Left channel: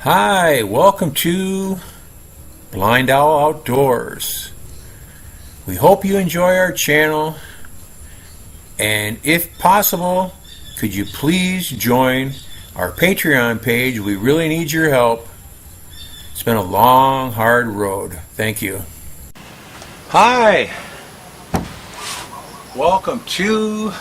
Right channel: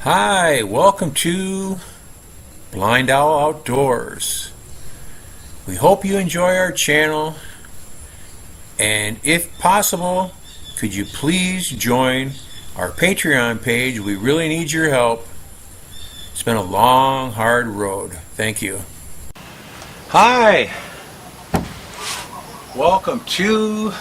Hi, welcome to BlindOwl Outdoors. We hope you enjoy our channel, and if possible, could you please join our Patreon page? We really need your help. It's been a long, hard road. Thank you. Hi, welcome to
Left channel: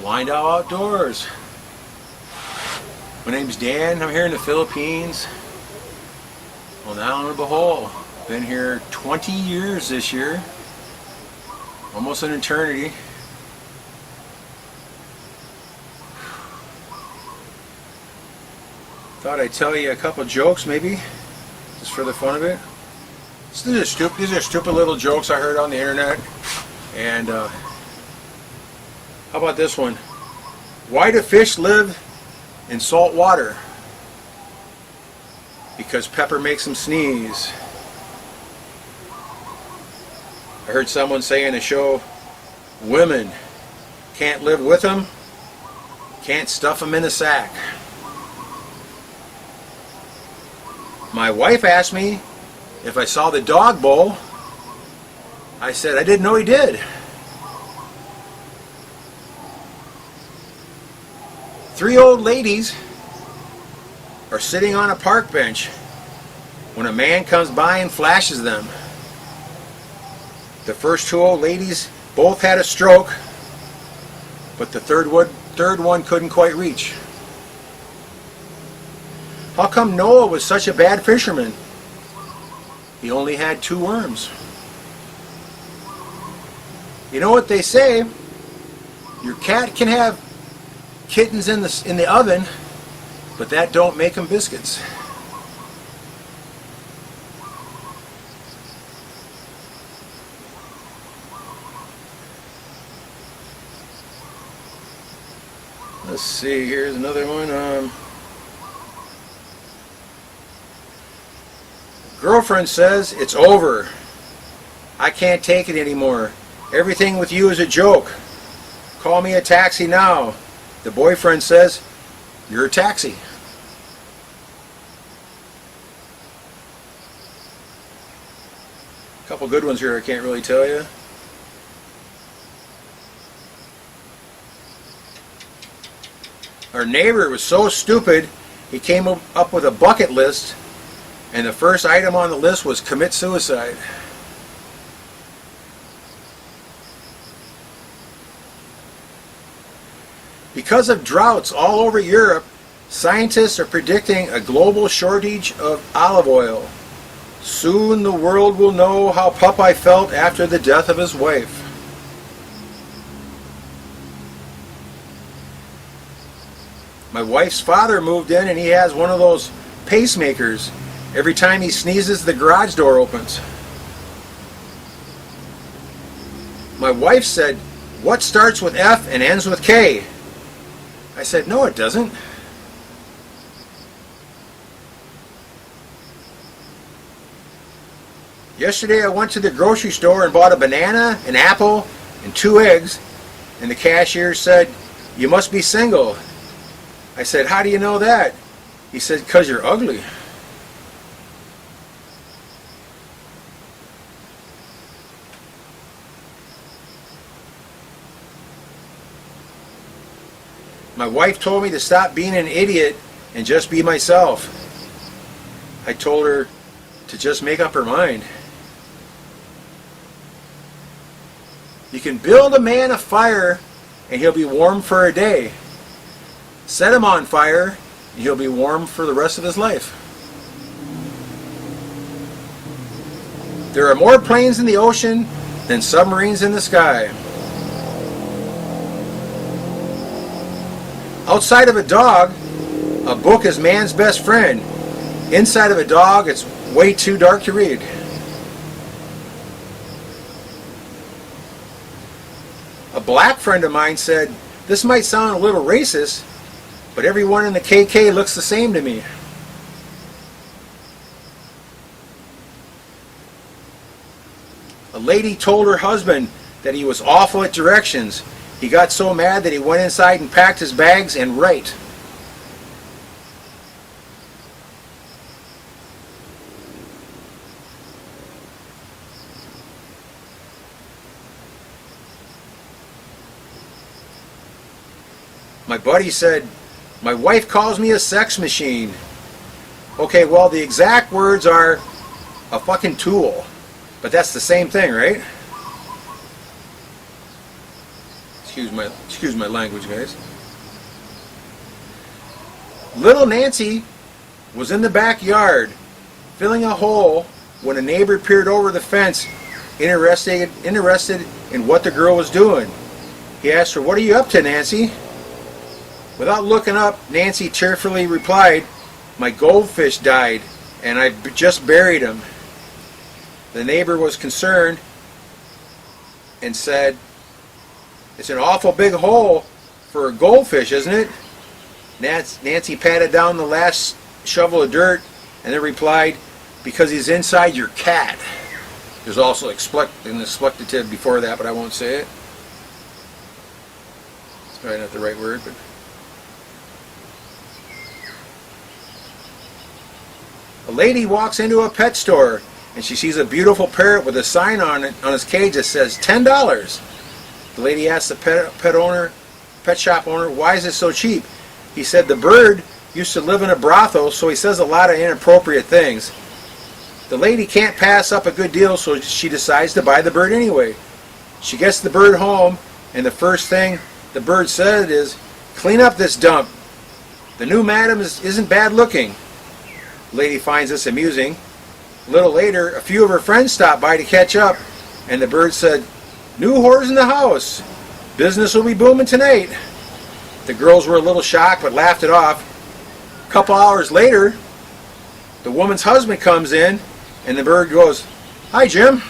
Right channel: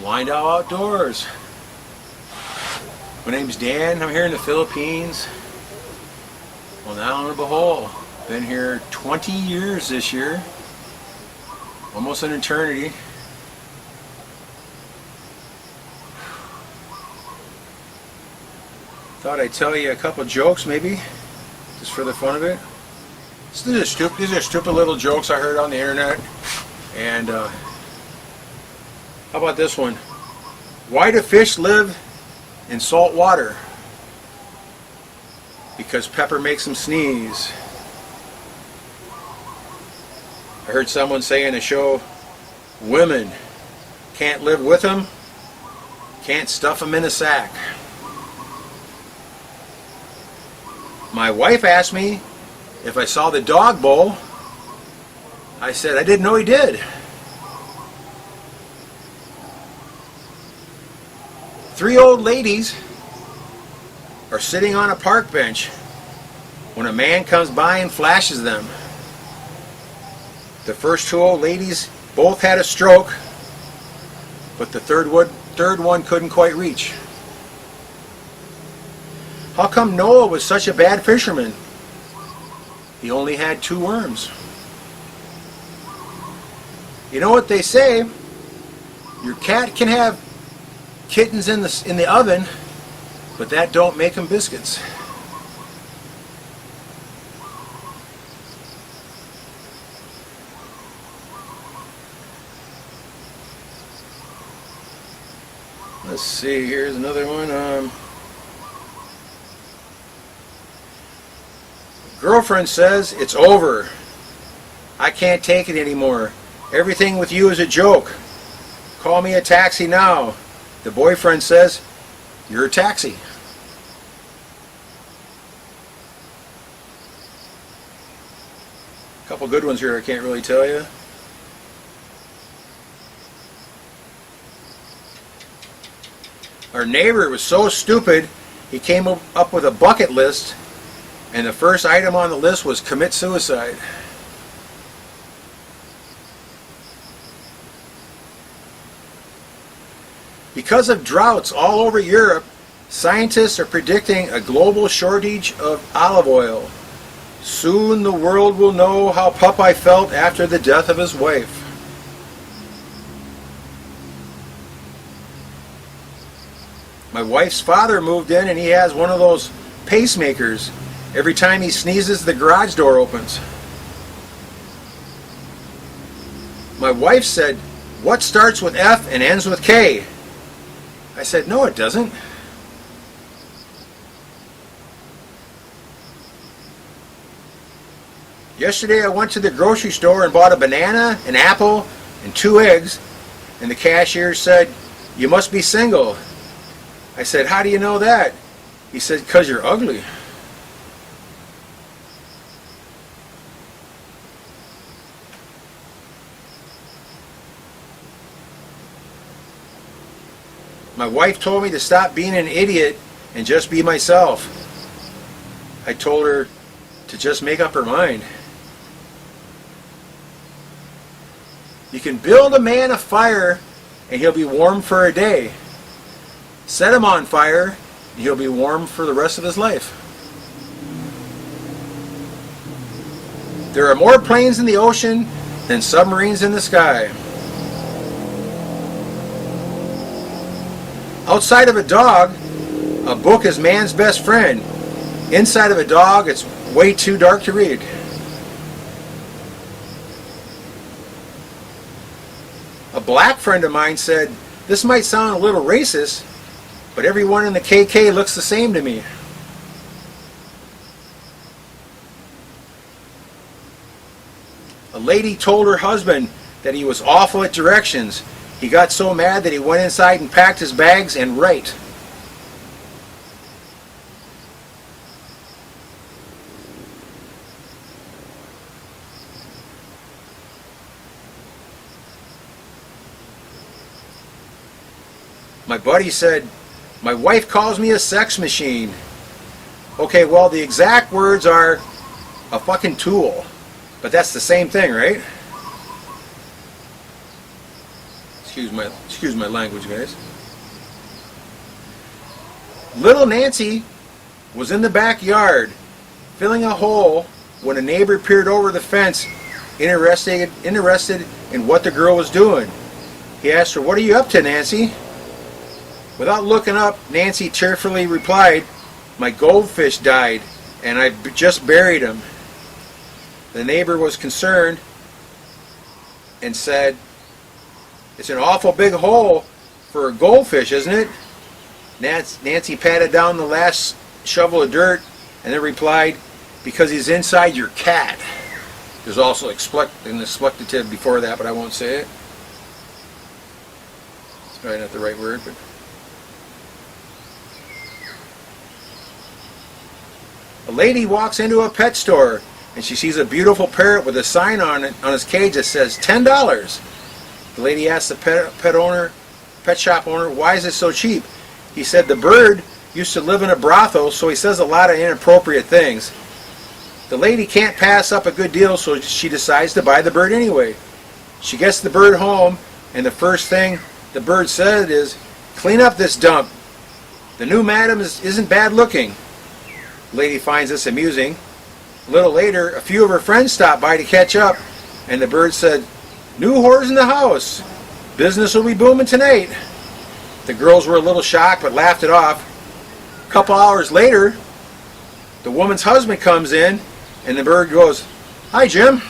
BlindOwl Outdoors. My name's Dan. I'm here in the Philippines on the Island of Bohol. Been here 20 years this year, almost an eternity. Thought I'd tell you a couple jokes, maybe, just for the fun of it. These are stupid little jokes I heard on the internet. And how about this one? Why do fish live in salt water? Because pepper makes them sneeze. I heard someone say in a show, women can't live with them, can't stuff them in a sack. My wife asked me if I saw the dog bowl. I said I didn't know he did. Three old ladies are sitting on a park bench when a man comes by and flashes them. The first two old ladies both had a stroke, but the third one couldn't quite reach. How come Noah was such a bad fisherman? He only had 2 worms. You know what they say? Your cat can have kittens in the oven, but that don't make them biscuits. Let's see, here's another one. Girlfriend says, it's over. I can't take it anymore. Everything with you is a joke. Call me a taxi now. The boyfriend says, you're a taxi. A couple good ones here I can't really tell you. Our neighbor was so stupid, he came up with a bucket list, and the first item on the list was commit suicide. Because of droughts all over Europe, scientists are predicting a global shortage of olive oil. Soon the world will know how Popeye felt after the death of his wife. My wife's father moved in and he has one of those pacemakers. Every time he sneezes, the garage door opens. My wife said, what starts with F and ends with K? I said, no, it doesn't. Yesterday I went to the grocery store and bought a banana, an apple, and 2 eggs, and the cashier said, you must be single. I said, how do you know that? He said, because you're ugly. My wife told me to stop being an idiot and just be myself. I told her to just make up her mind. You can build a man a fire and he'll be warm for a day. Set him on fire and he'll be warm for the rest of his life. There are more planes in the ocean than submarines in the sky. Outside of a dog, a book is man's best friend. Inside of a dog, it's way too dark to read. A black friend of mine said, this might sound a little racist, but everyone in the KK looks the same to me. A lady told her husband that he was awful at directions He got so mad that he went inside and packed his bags and right. My buddy said, "My wife calls me a sex machine." Okay, well, the exact words are a fucking tool. But that's the same thing, right? Excuse my language, guys. Little Nancy was in the backyard filling a hole when a neighbor peered over the fence, interested in what the girl was doing. He asked her, "What are you up to, Nancy?" Without looking up, Nancy tearfully replied, "My goldfish died, and I just buried him." The neighbor was concerned and said, "It's an awful big hole for a goldfish, isn't it?" Nancy patted down the last shovel of dirt and then replied, "Because he's inside your cat." There's also an expletive before that, but I won't say it. It's probably not the right word, but... A lady walks into a pet store and she sees a beautiful parrot with a sign on it on his cage that says $10. The lady asks the pet shop owner, "Why is it so cheap?" He said the bird used to live in a brothel, so he says a lot of inappropriate things. The lady can't pass up a good deal, so she decides to buy the bird anyway. She gets the bird home, and the first thing the bird said is, "Clean up this dump. The new madam isn't bad looking." The lady finds this amusing. A little later, a few of her friends stopped by to catch up, and the bird said, "New whores in the house. Business will be booming tonight." The girls were a little shocked but laughed it off. A couple hours later, the woman's husband comes in, and the bird goes, "Hi, Jim."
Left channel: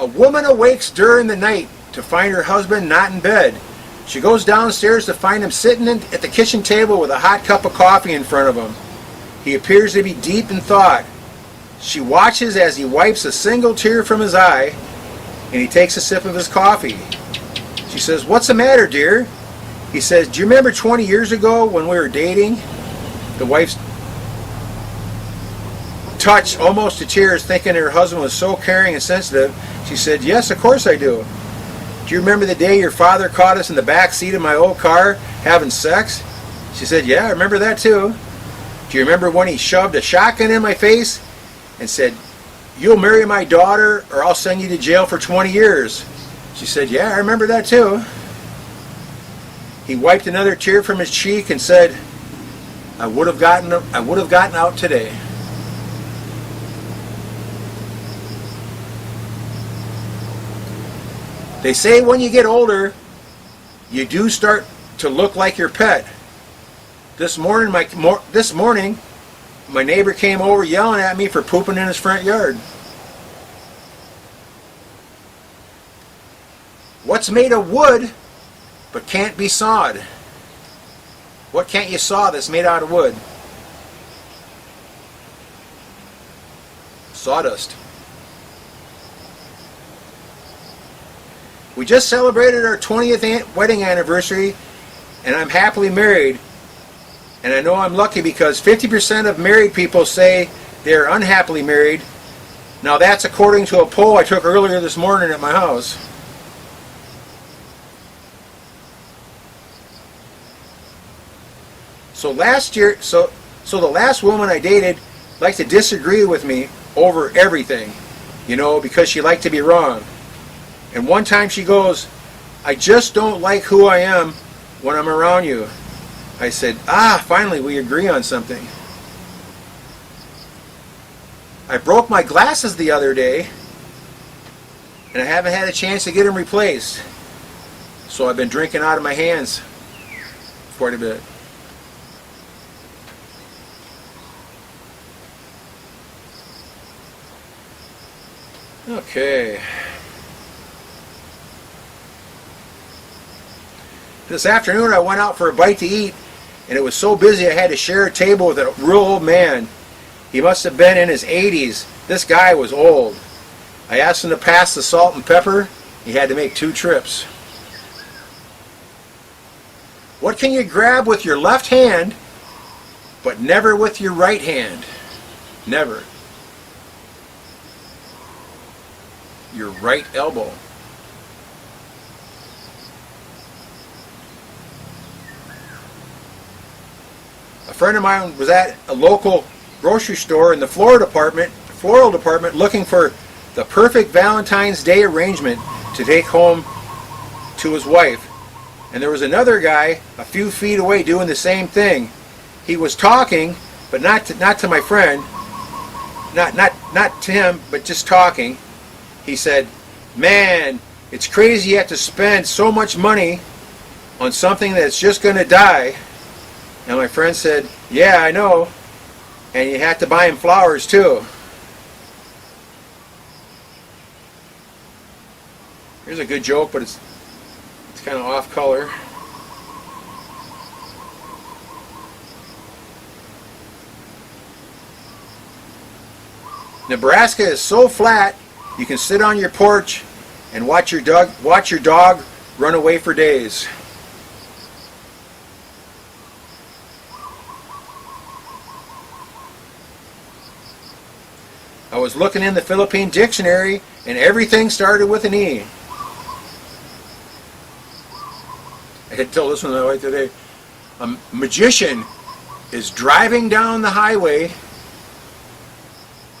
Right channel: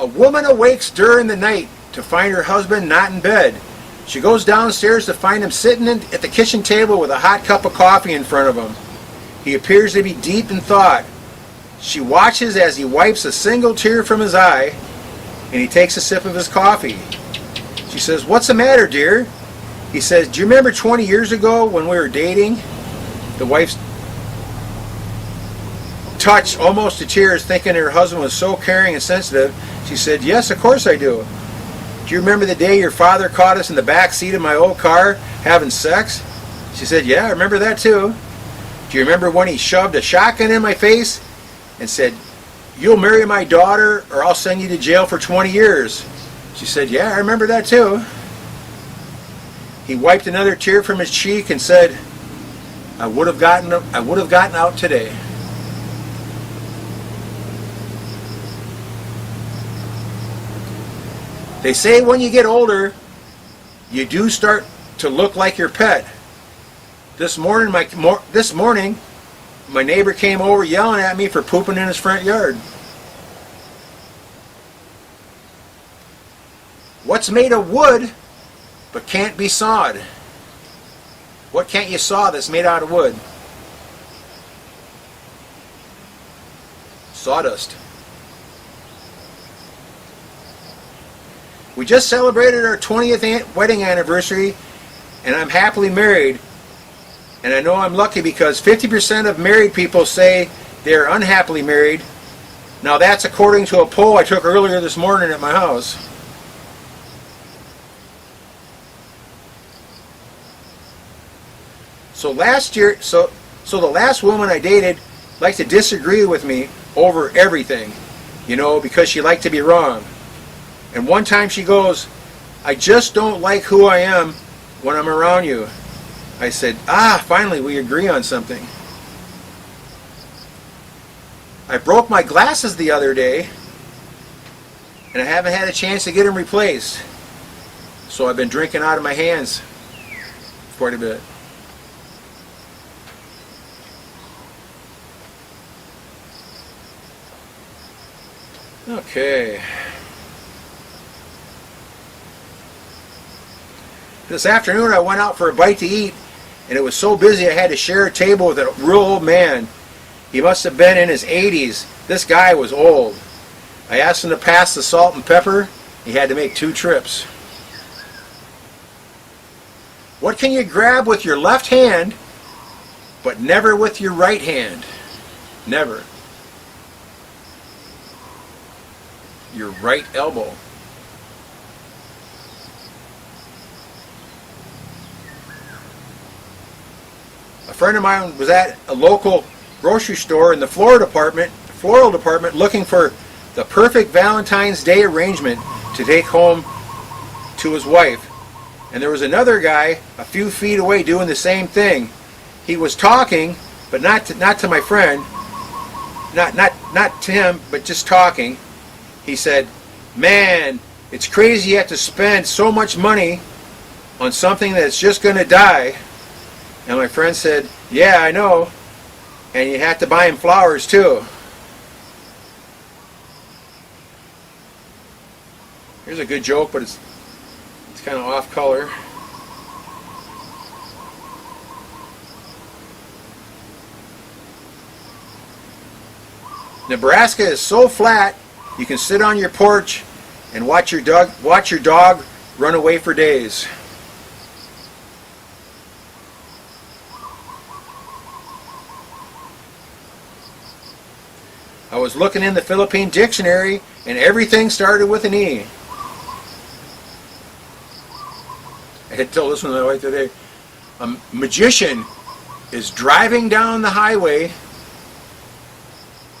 A woman awakes during the night to find her husband not in bed. She goes downstairs to find him sitting at the kitchen table with a hot cup of coffee in front of him. He appears to be deep in thought. She watches as he wipes a single tear from his eye, and he takes a sip of his coffee. She says, "What's the matter, dear?" He says, "Do you remember 20 years ago when we were dating?" The wife's touched almost to tears, thinking her husband was so caring and sensitive. She said, "Yes, of course I do." "Do you remember the day your father caught us in the back seat of my old car having sex?" She said, "Yeah, I remember that too." "Do you remember when he shoved a shotgun in my face and said, 'You'll marry my daughter or I'll send you to jail for 20 years'? She said, "Yeah, I remember that too." He wiped another tear from his cheek and said, I would have gotten out today." They say when you get older, you do start to look like your pet. This morning, my neighbor came over yelling at me for pooping in his front yard. What's made of wood but can't be sawed? What can't you saw that's made out of wood? Sawdust. We just celebrated our 20th wedding anniversary, and I'm happily married. And I know I'm lucky because 50% of married people say they're unhappily married. Now that's according to a poll I took earlier this morning at my house. So the last woman I dated liked to disagree with me over everything, because she liked to be wrong. And one time she goes, "I just don't like who I am when I'm around you." I said, finally we agree on something. I broke my glasses the other day, and I haven't had a chance to get them replaced. So I've been drinking out of my hands quite a bit. Okay. This afternoon I went out for a bite to eat, and it was so busy I had to share a table with a real old man. He must have been in his 80s, This guy was old. I asked him to pass the salt and pepper. He had to make 2 trips. What can you grab with your left hand, but never with your right hand? Never. Your right elbow. A friend of mine was at a local grocery store in the floral department looking for the perfect Valentine's Day arrangement to take home to his wife. And there was another guy a few feet away doing the same thing. He was talking, but not to my friend, not to him, but just talking. He said, "Man, it's crazy you have to spend so much money on something that's just going to die." And my friend said, "Yeah, I know. And you have to buy him flowers too." Here's a good joke, but it's kind of off color. Nebraska is so flat you can sit on your porch and watch your dog run away for days. I was looking in the Philippine dictionary and everything started with an E. I had to tell this one right today. A magician is driving down the highway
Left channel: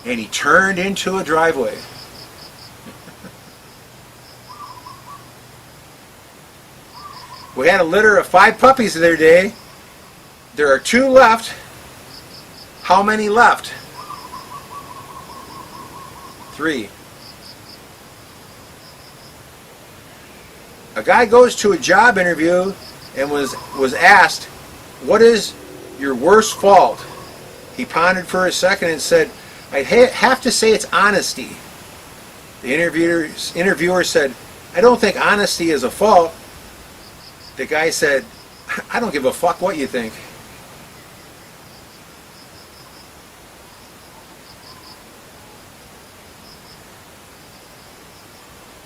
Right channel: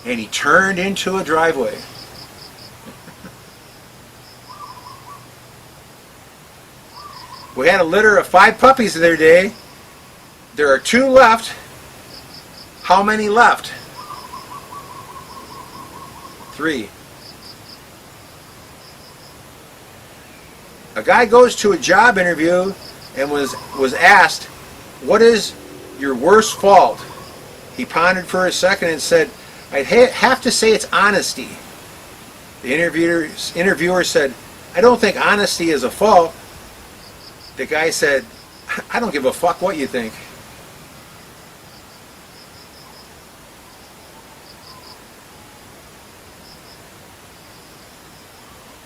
and he turned into a driveway. We had a litter of 5 puppies the other day. There are 2 left. How many left? 3. A guy goes to a job interview and was asked, "What is your worst fault?" He pondered for a second and said, "I'd have to say it's honesty." The interviewer said, "I don't think honesty is a fault." The guy said, "I don't give a fuck what you think."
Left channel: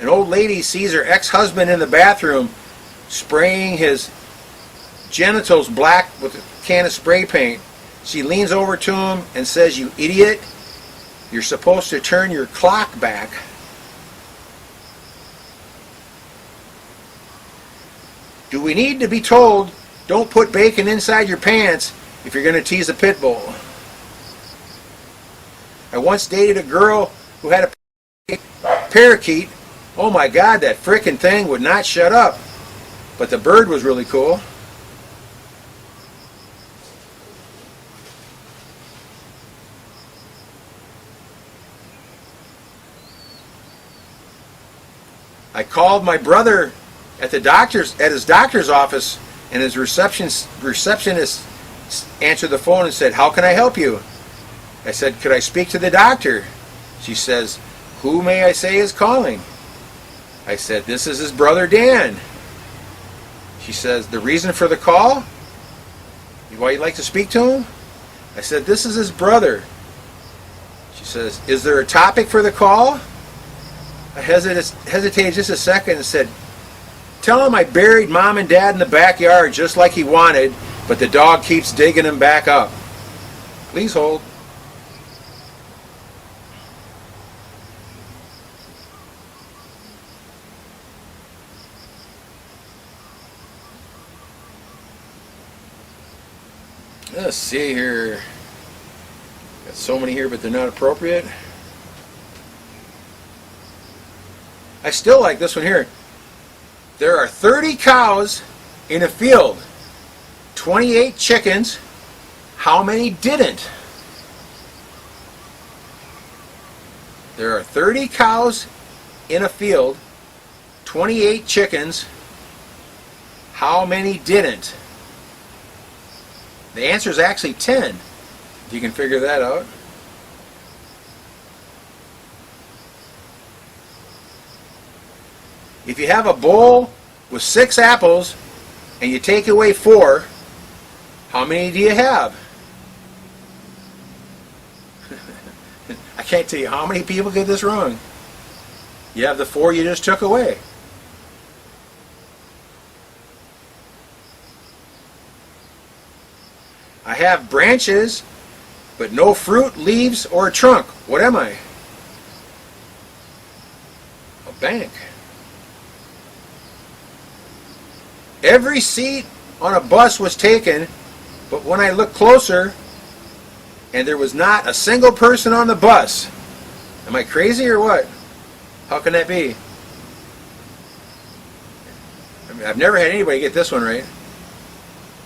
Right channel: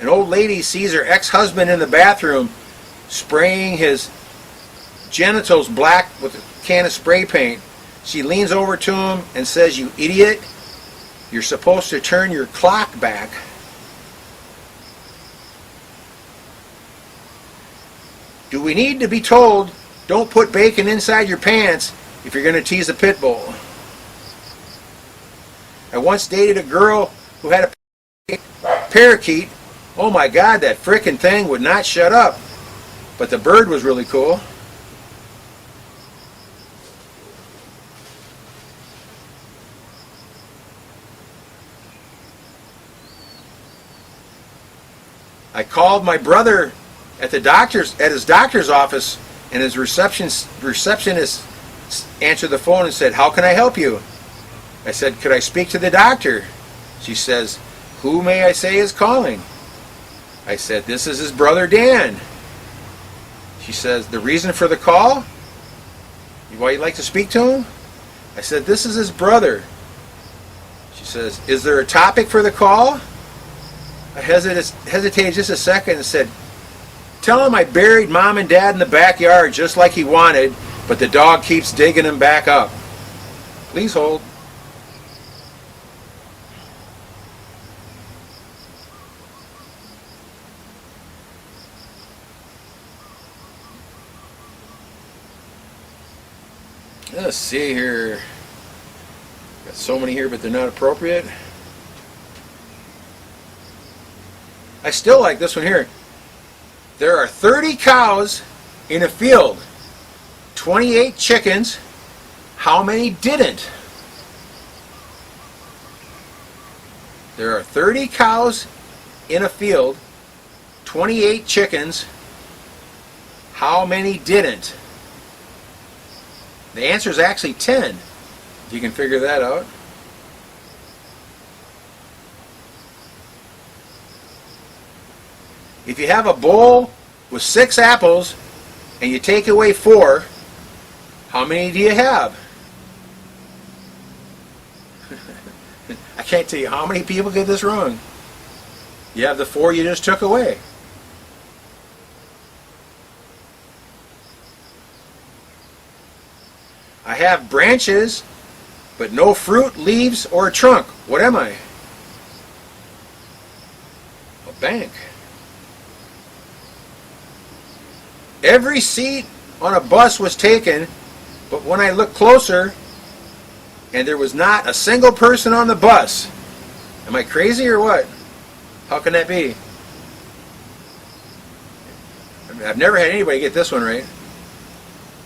An old lady sees her ex-husband in the bathroom spraying his genitals black with a can of spray paint. She leans over to him and says, "You idiot, you're supposed to turn your clock back." Do we need to be told, don't put bacon inside your pants if you're going to tease a pit bull? I once dated a girl who had a parakeet. Oh my God, that frickin' thing would not shut up. But the bird was really cool. I called my brother at his doctor's office, and his receptionist answered the phone and said, "How can I help you?" I said, "Could I speak to the doctor?" She says, "Who may I say is calling?" I said, "This is his brother Dan." She says, "The reason for the call? Why you'd like to speak to him?" I said, "This is his brother." She says, "Is there a topic for the call?" I hesitated just a second and said, "Tell him I buried Mom and Dad in the backyard just like he wanted, but the dog keeps digging him back up. Please hold." Let's see here. Got so many here, but they're not appropriate. I still like this one here. There are 30 cows in a field, 28 chickens. How many didn't? There are 30 cows in a field, 28 chickens. How many didn't? The answer is actually 10, if you can figure that out. If you have a bowl with 6 apples and you take away 4, how many do you have? I can't tell you how many people get this wrong. You have the 4 you just took away. I have branches, but no fruit, leaves, or a trunk. What am I? A bank. Every seat on a bus was taken, but when I looked closer, and there was not a single person on the bus. Am I crazy or what? How can that be? I mean, I've never had anybody get this one right.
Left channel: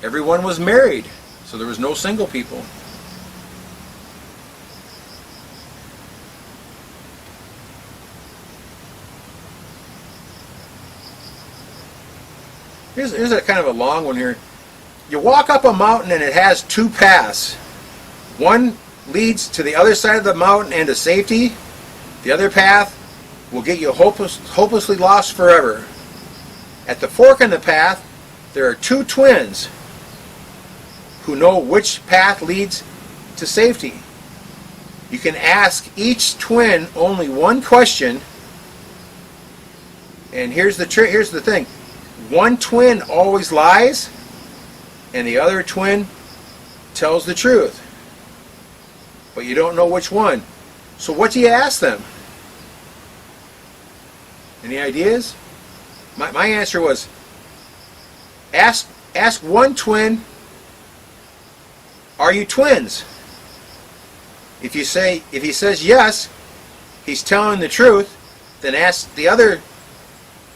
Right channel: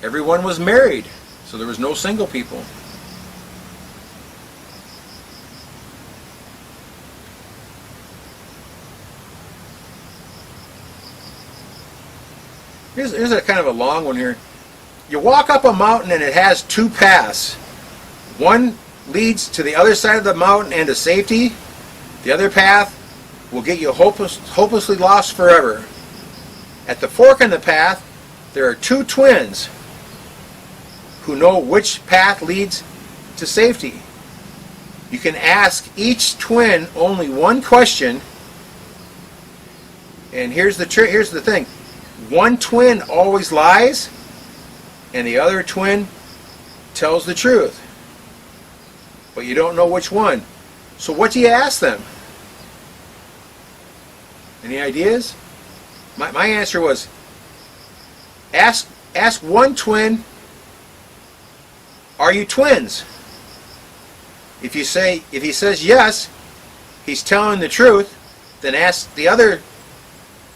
Everyone was married, so there was no single people. Here's a kind of a long one here. You walk up a mountain and it has 2 paths. One leads to the other side of the mountain and to safety. The other path will get you hopelessly lost forever. At the fork in the path, there are 2 twins who know which path leads to safety. You can ask each twin only one question, and here's the thing. One twin always lies, and the other twin tells the truth. But you don't know which one. So what do you ask them? Any ideas? My answer was, ask one twin, are you twins? If he says yes, he's telling the truth. Then ask the other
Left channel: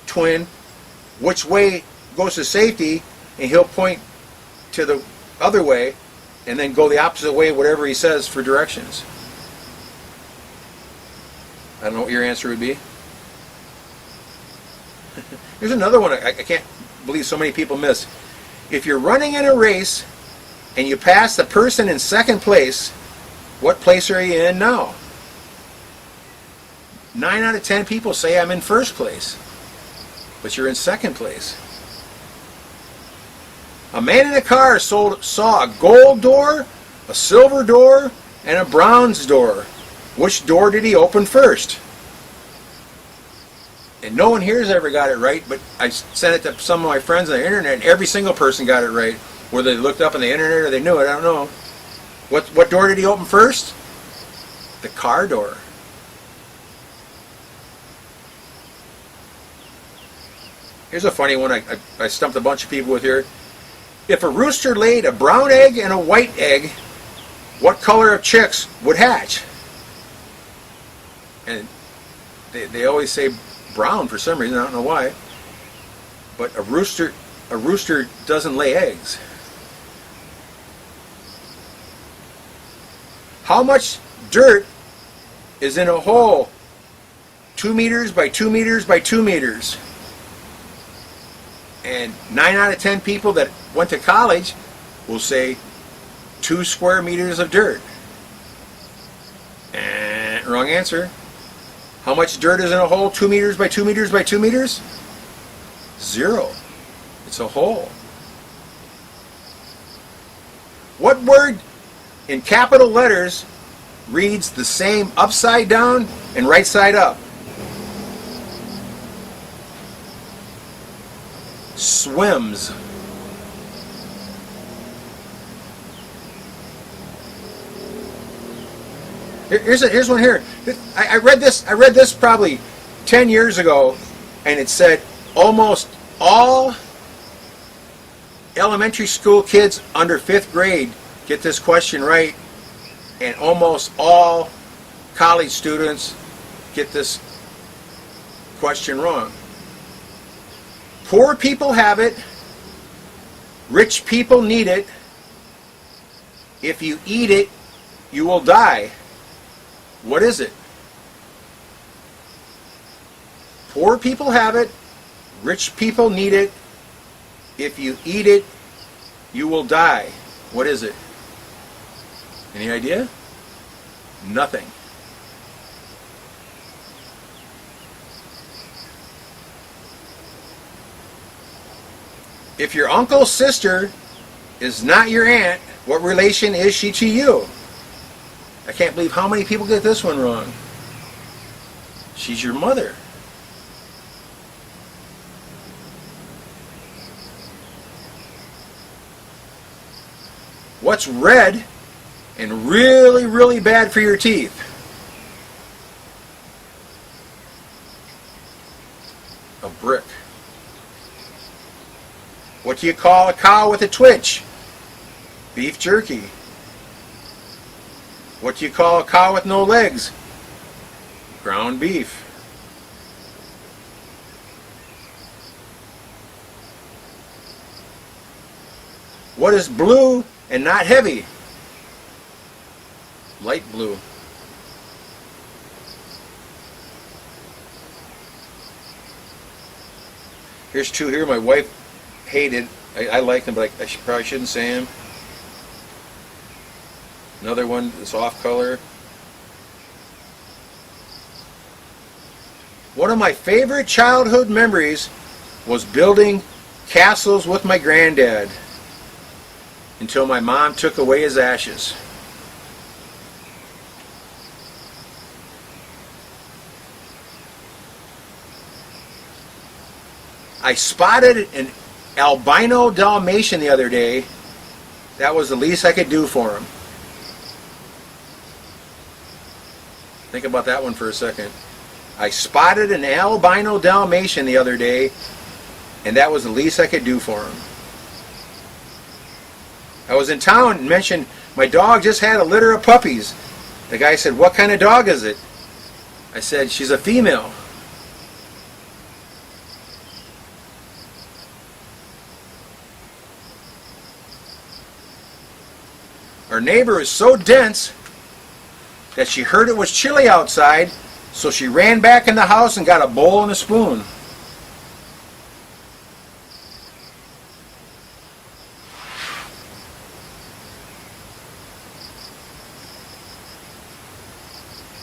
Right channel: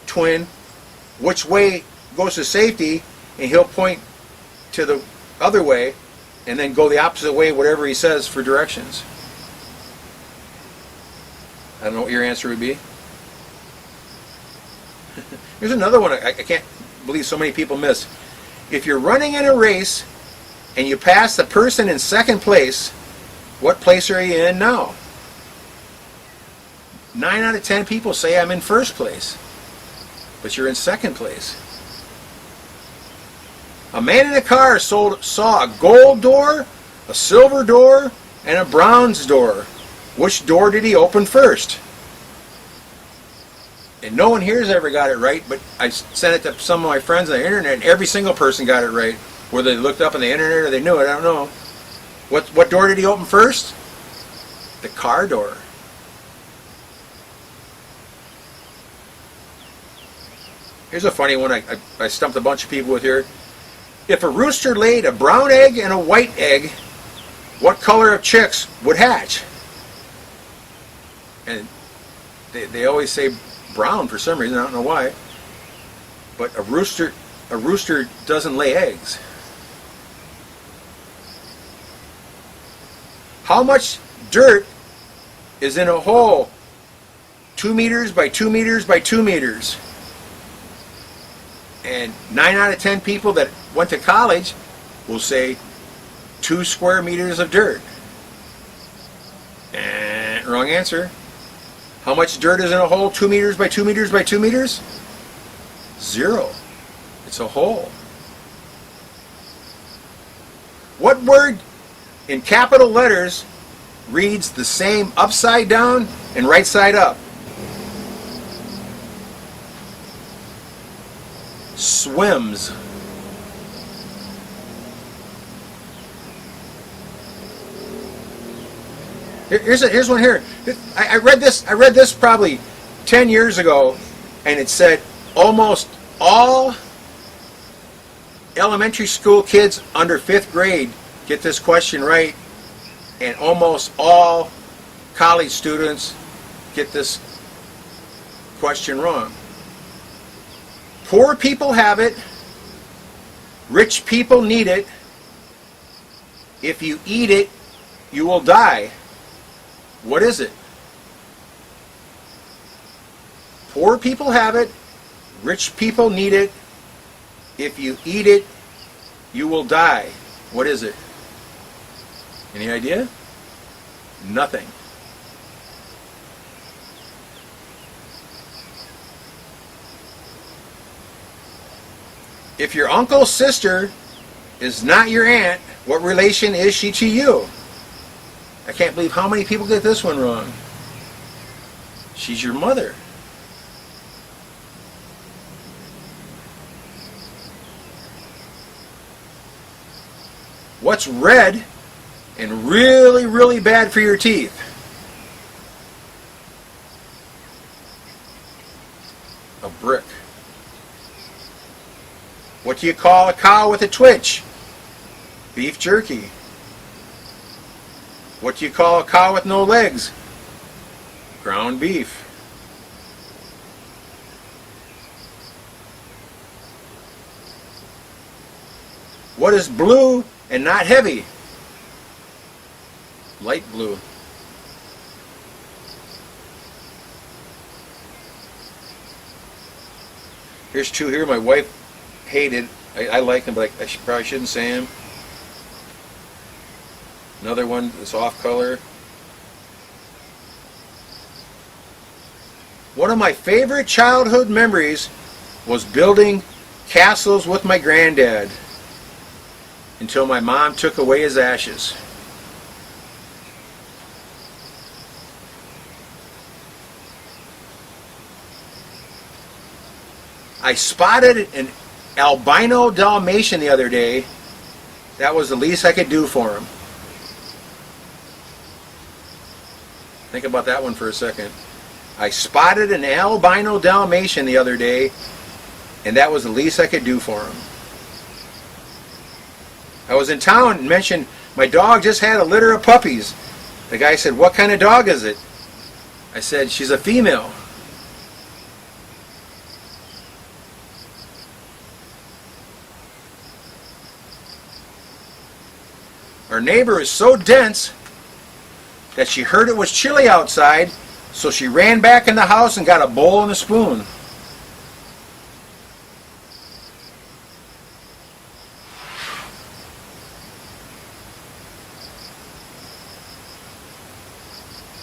twin which way goes to safety, and he'll point to the other way, and then go the opposite way, whatever he says for directions. I don't know what your answer would be. Here's another one I can't believe so many people miss. If you're running in a race and you pass the person in second place, what place are you in now? 9 out of 10 people say I'm in first place, but you're in second place. A man in a car saw a gold door, a silver door, and a bronze door. Which door did he open first? And no one here has ever got it right, but I sent it to some of my friends on the internet, and every single person got it right. Whether they looked up on the internet or they knew it, I don't know. What door did he open first? The car door. Here's a funny one I stumped a bunch of people with here. If a rooster laid a brown egg and a white egg, what color of chicks would hatch? And they always say brown for some reason, I don't know why. But a rooster doesn't lay eggs. How much dirt is in a hole 2 meters by 2 meters by 2 meters? And 9 out of 10 people that went to college will say 2 square meters of dirt. And wrong answer. How much dirt is in a hole 2 meters by 2 meters by 2 meters? 0. It's a hole. What word in capital letters reads the same upside down and right side up? Swims. Here's one here. I read this probably 10 years ago, and it said almost all elementary school kids under 5th grade get this question right, and almost all college students get this question wrong. Poor people have it, rich people need it. If you eat it, you will die. What is it? Poor people have it, rich people need it. If you eat it, you will die. What is it? Any idea? Nothing. If your uncle's sister is not your aunt, what relation is she to you? I can't believe how many people get this one wrong. She's your mother. What's red and really, really bad for your teeth? A brick. What do you call a cow with a twitch? Beef jerky. What do you call a cow with no legs? Ground beef. What is blue and not heavy? Light blue. Here's two here my wife hated. I like them, but I probably shouldn't say them. Another one that's off color. One of my favorite childhood memories was building castles with my granddad until my mom took away his ashes. I spotted an albino Dalmatian the other day. That was the least I could do for him. Think about that one for a second. I spotted an albino Dalmatian the other day, and that was the least I could do for him. I was in town and mentioned my dog just had a litter of puppies. The guy said, "What kind of dog is it?" I said, "She's a female." Our neighbor is so dense that she heard it was chilly outside, so she ran back in the house and got a bowl and a spoon.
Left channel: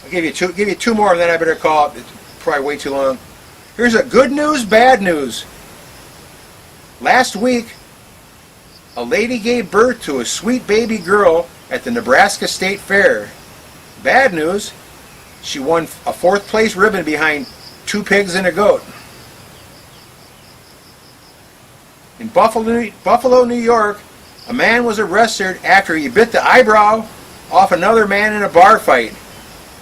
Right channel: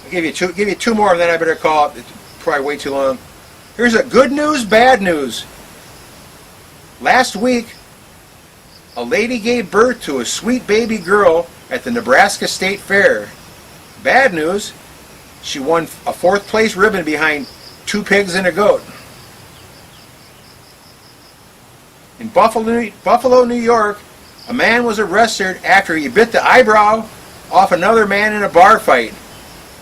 I'll give you two more, and then I better call it. It's probably way too long. Here's a good news, bad news. Last week, a lady gave birth to a sweet baby girl at the Nebraska State Fair. Bad news, she won a 4th place ribbon behind 2 pigs and a goat. In Buffalo, New York, a man was arrested after he bit the eyebrow off another man in a bar fight.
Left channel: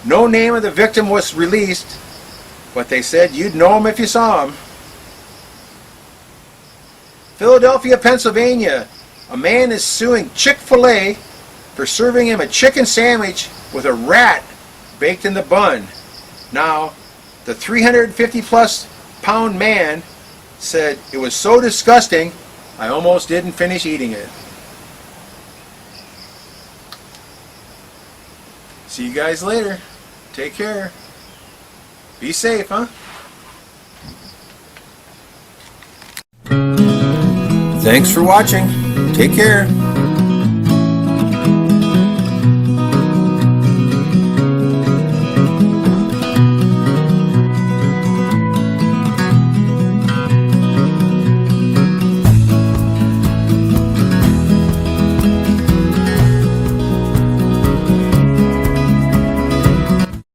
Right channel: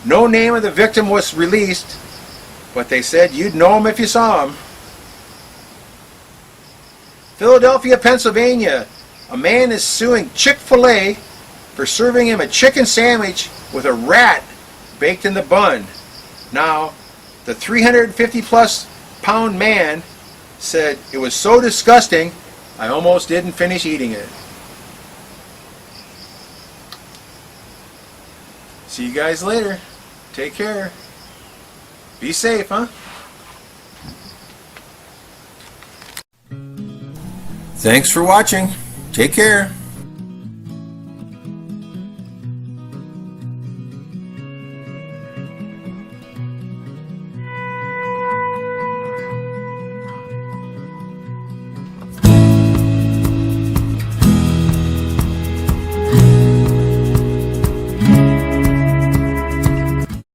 No name of the victim was released, but they said you'd know him if you saw him. Philadelphia, Pennsylvania, a man is suing Chick-fil-A for serving him a chicken sandwich with a rat baked in the bun. Now, the 350-plus pound man said, "It was so disgusting, I almost didn't finish eating it." See you guys later. Take care. Be safe, huh? Thanks for watching. Take care.